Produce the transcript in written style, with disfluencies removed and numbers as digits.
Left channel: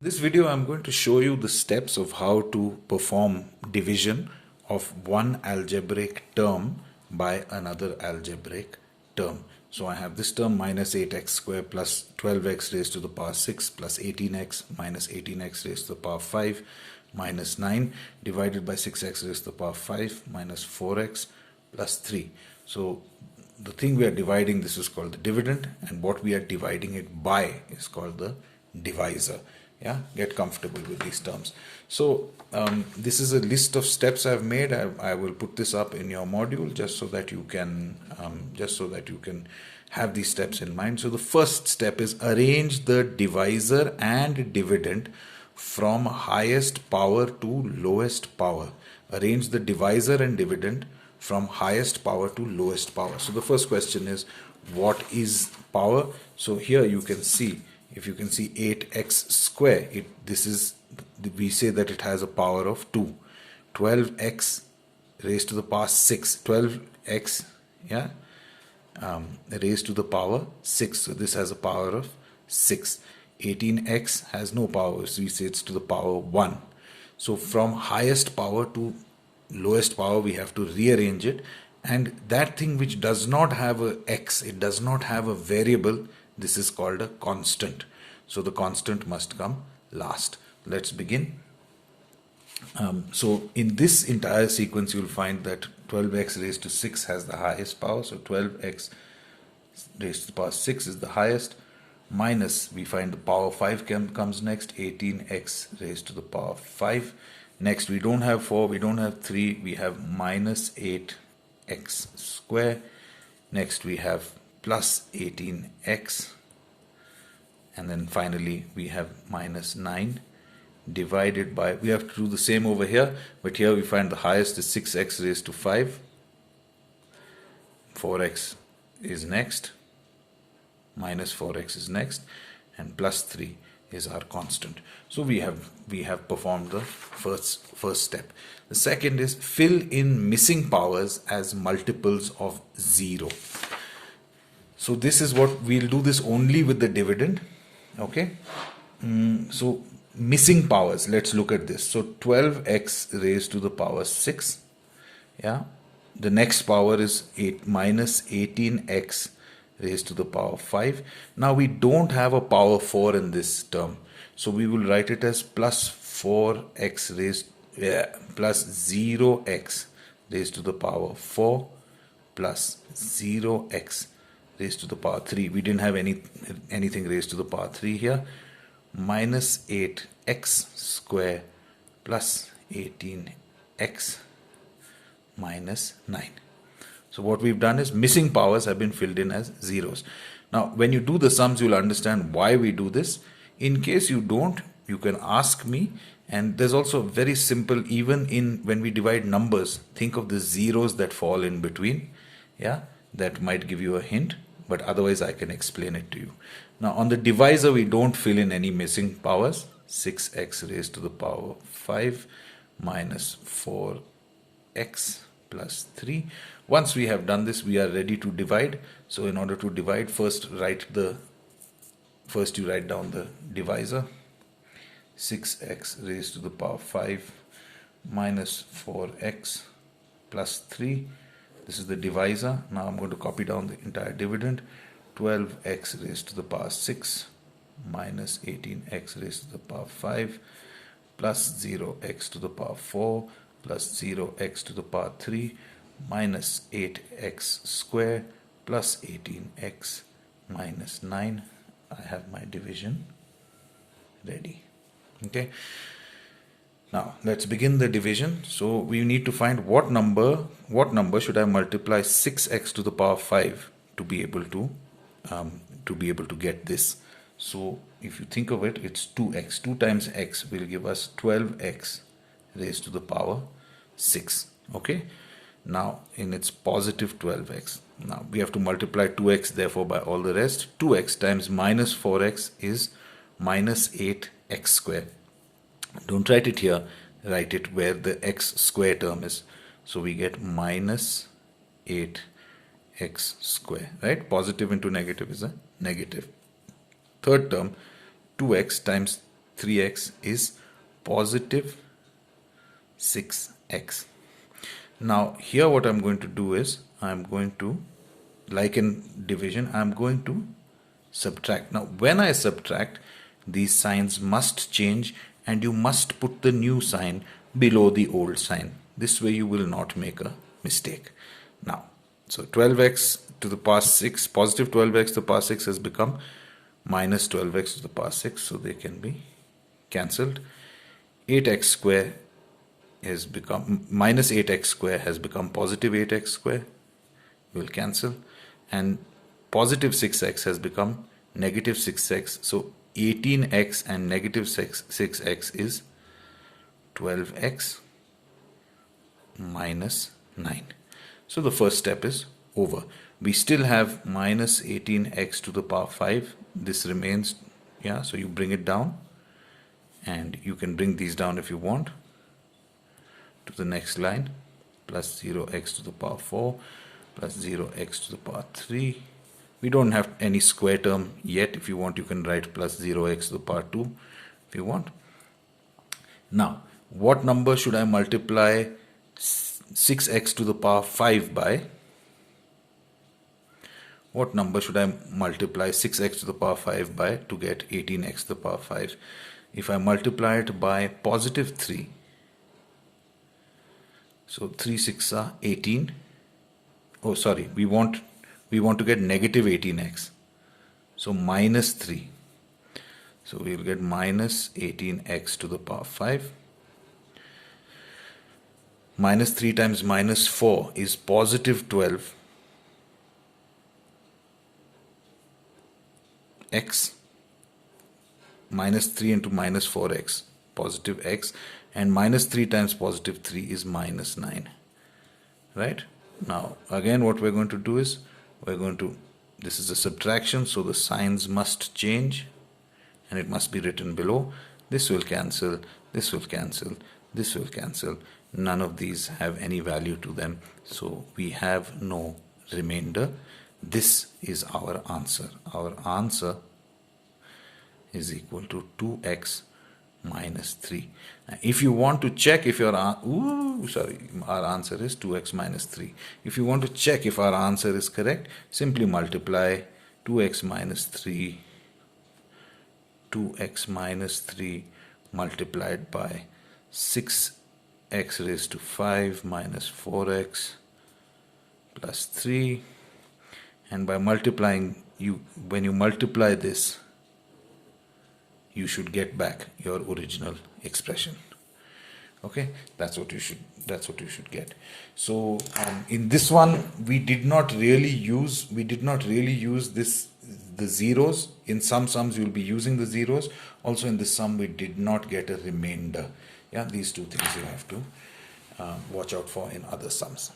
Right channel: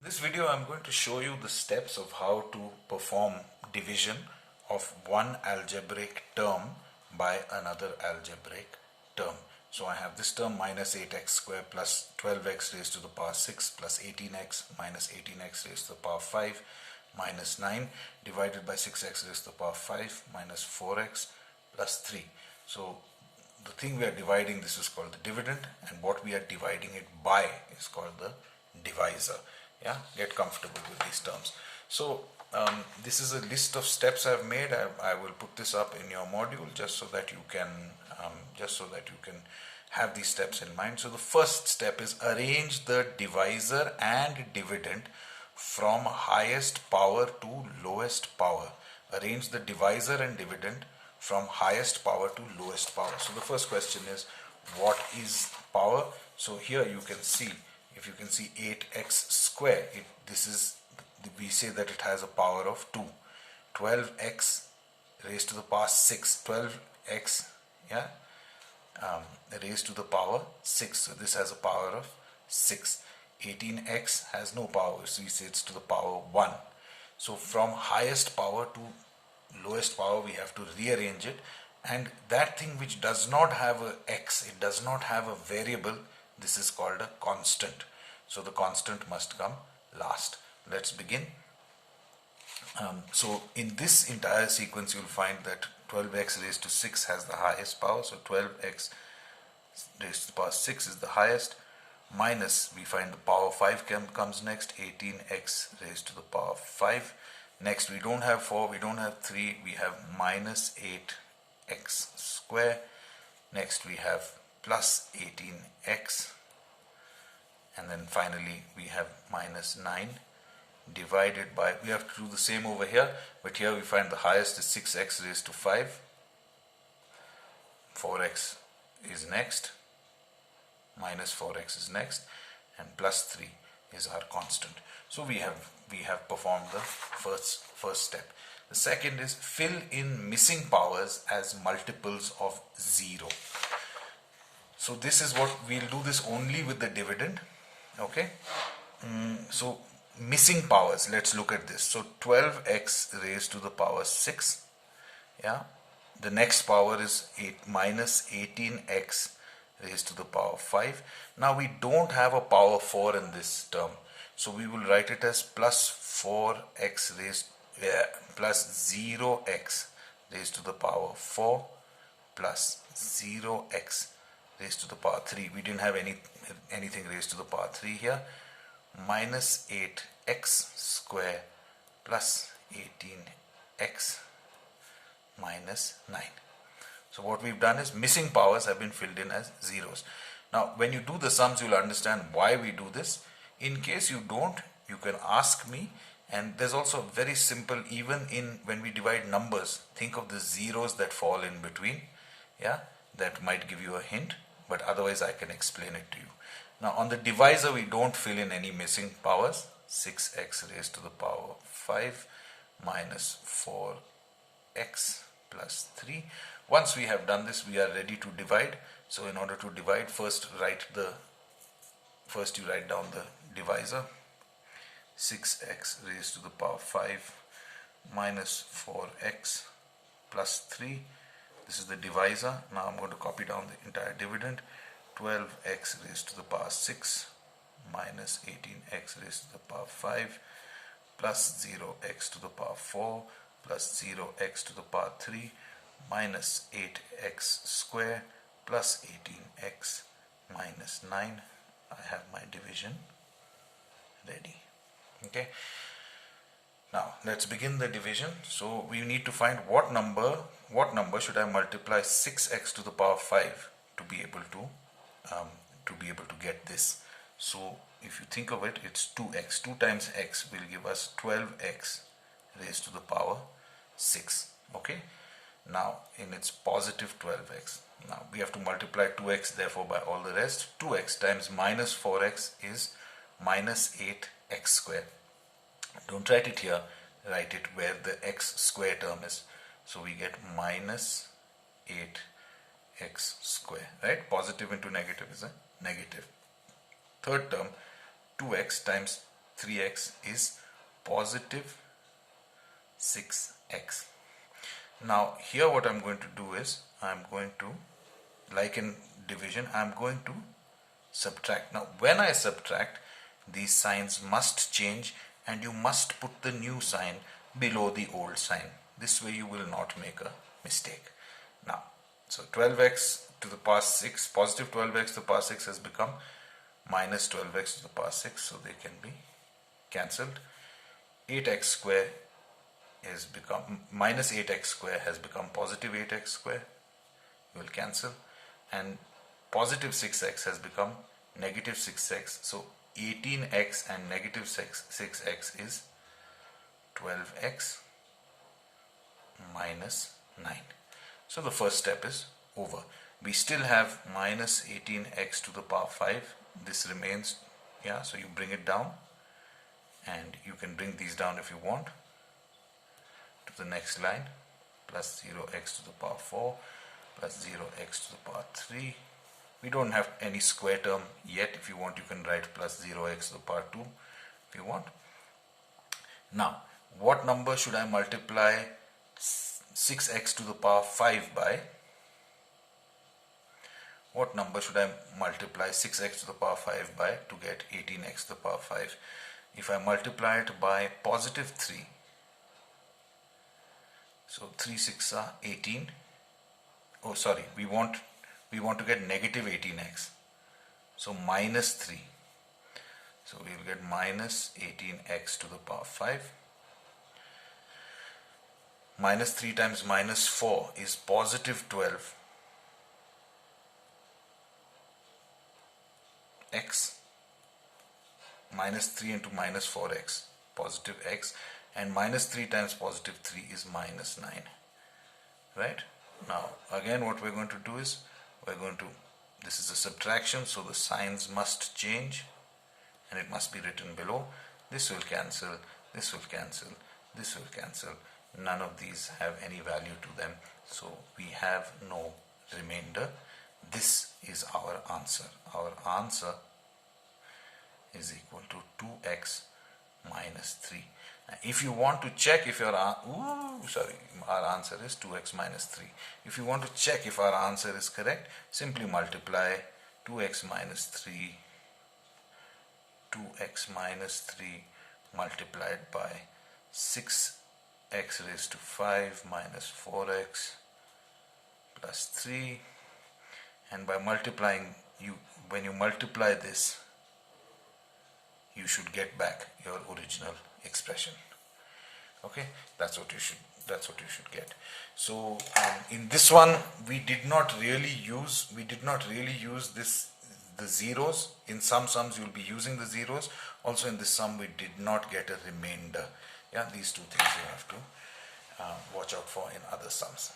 This video I'm going to show you the steps of how to perform division of one algebraic term by another algebraic term. So I have this term minus 8x squared plus 12x raised to the power 6 plus 18x minus 18x raised to the power 5 minus 9 divided by 6x raised to the power 5 minus 4x plus 3. So the thing we are dividing this is called the dividend, and what we are dividing it by is called the divisor. Yeah, get comfortable with these terms. So this is a list of steps I've made. I will put this up in your module just so that you can have these steps in mind. So the first step is arrange the divisor and dividend from highest power to lowest power. Arrange the divisor and dividend from highest power to lowest power. So the first question is, what is power? So here you can see, if you can see 8x square, we say that it has a power of 2. 12x raised to the power 6, 12x, yeah, raised to the power 6. So this has a power of 6. 18x has no power, so we say it's to the power 1. So from highest power to lowest power we have to rearrange it, and that thing which does not have a x, it does not have a variable, this is called a constant. So the constant must come last. Let's begin. So in this entire sequence you will find that 12x raised to 6 has the highest power. So 12x raised to the power 6 is the highest. Minus, we find the power 5 comes next. 18x raised to the power 5. Next, we don't have 4, we don't have 3, we have minus 8x square. Next we have plus 18x, and then finally we have minus 9 divided by, we have to do the same over here, but here we find the highest is 6x raised to 5. 4x is next, minus 4x is next, and plus 3 is our constant. So we have performed the first step. The second is fill in missing powers as multiples of 0. So this is what we'll do, this only with the dividend. Okay. So missing powers, let's look at this. So 12x raised to the power 6. Yeah. The next power is 8 minus 18x raised to the power 5. Now we don't have a power 4 in this term, so we will write it as plus 4x plus 0x raised to the power 4 plus 0x raised to the power 3. We didn't have anything raised to the power 3 here. Minus 8x square plus 18x minus 9. So what we've done is missing powers have been filled in as zeros. Now when you do the sums, you'll understand why we do this. In case you don't, you can ask me. And there's also very simple, even when we divide numbers, think of the zeros that fall in between. Yeah, that might give you a hint, but otherwise I can explain it to you. Now on the divisor we don't fill in any missing powers. 6x raised to the power 5 minus 4x plus 3. Once we have done this, we are ready to divide. So in order to divide, first you write down the divisor. 6x raised to the power 5 minus 4x plus 3. This is the divisor. Now I'm going to copy down the entire dividend. 12x raised to the power 6 minus 18x raised to the power 5 plus 0x to the power 4 plus 0x to the power 3 minus 8x square plus 18x minus 9. I have my division ready. Okay. Now let's begin the division. So we need to find what number should I multiply 6x to the power 5 to be able to get this. So if you think of it, it's 2x. 2 times x will give us 12x raised to the power 6. Okay. Now in its positive 12x. Now we have to multiply 2x therefore by all the rest. 2x times minus 4x is minus 8x square. Don't write it here, write it where the x square term is. So we get minus 8x square, right? Positive into negative is a negative. Third term, 2x times 3x is positive 6x. Now here what I'm going to do is, I'm going to, like in division, I'm going to subtract. Now when I subtract, these signs must change and you must put the new sign below the old sign. This way you will not make a mistake. Now, so 12x to the power 6, positive 12x to the power 6 has become minus 12x to the power 6, so they can be cancelled. 8x square has become minus 8x square has become positive 8x square, will cancel, and positive 6x has become negative 6x, so 18x and negative 6x is 12x minus 9. So the first step is over. We still have minus 18x to the power 5. This remains, yeah, so you bring it down, and you can bring these down if you want to the next line, plus 0x to the power 4 plus 0x to the power 3. We don't have any square term yet. If you want, you can write plus 0x to the power 2 if you want. Now, what number should I multiply 6x to the power 5 by? What number should I multiply 6x to the power 5 by to get 18x to the power 5? If I multiply it by positive 3, so 3 6 are 18. Oh, sorry, we want to get negative 18x. So minus 3. So we will get minus 18x to the power 5. Minus 3 times minus 4 is positive 12 x. Minus 3 into minus 4x, positive x, and minus 3 times positive 3 is minus 9. Right? Now again what we're going to do is, this is a subtraction, so the signs must change and it must be written below. This will cancel, this will cancel, this will cancel. None of these have any value to them, so we have no remainder. This is our answer. Our answer is equal to 2x minus 3. Now, if you want to check if your our answer is 2x minus 3. If you want to check if our answer is correct, simply multiply 2x minus 3 multiplied by 6x raised to 5 minus 4x plus 3, and by multiplying, when you multiply this, you should get back your original expression. Okay, that's what you should get. So in this one we did not really use the zeros. In some sums you will be using the zeros. Also in this sum we did not get a remainder. Yeah, these two things you have to watch out for in other sums.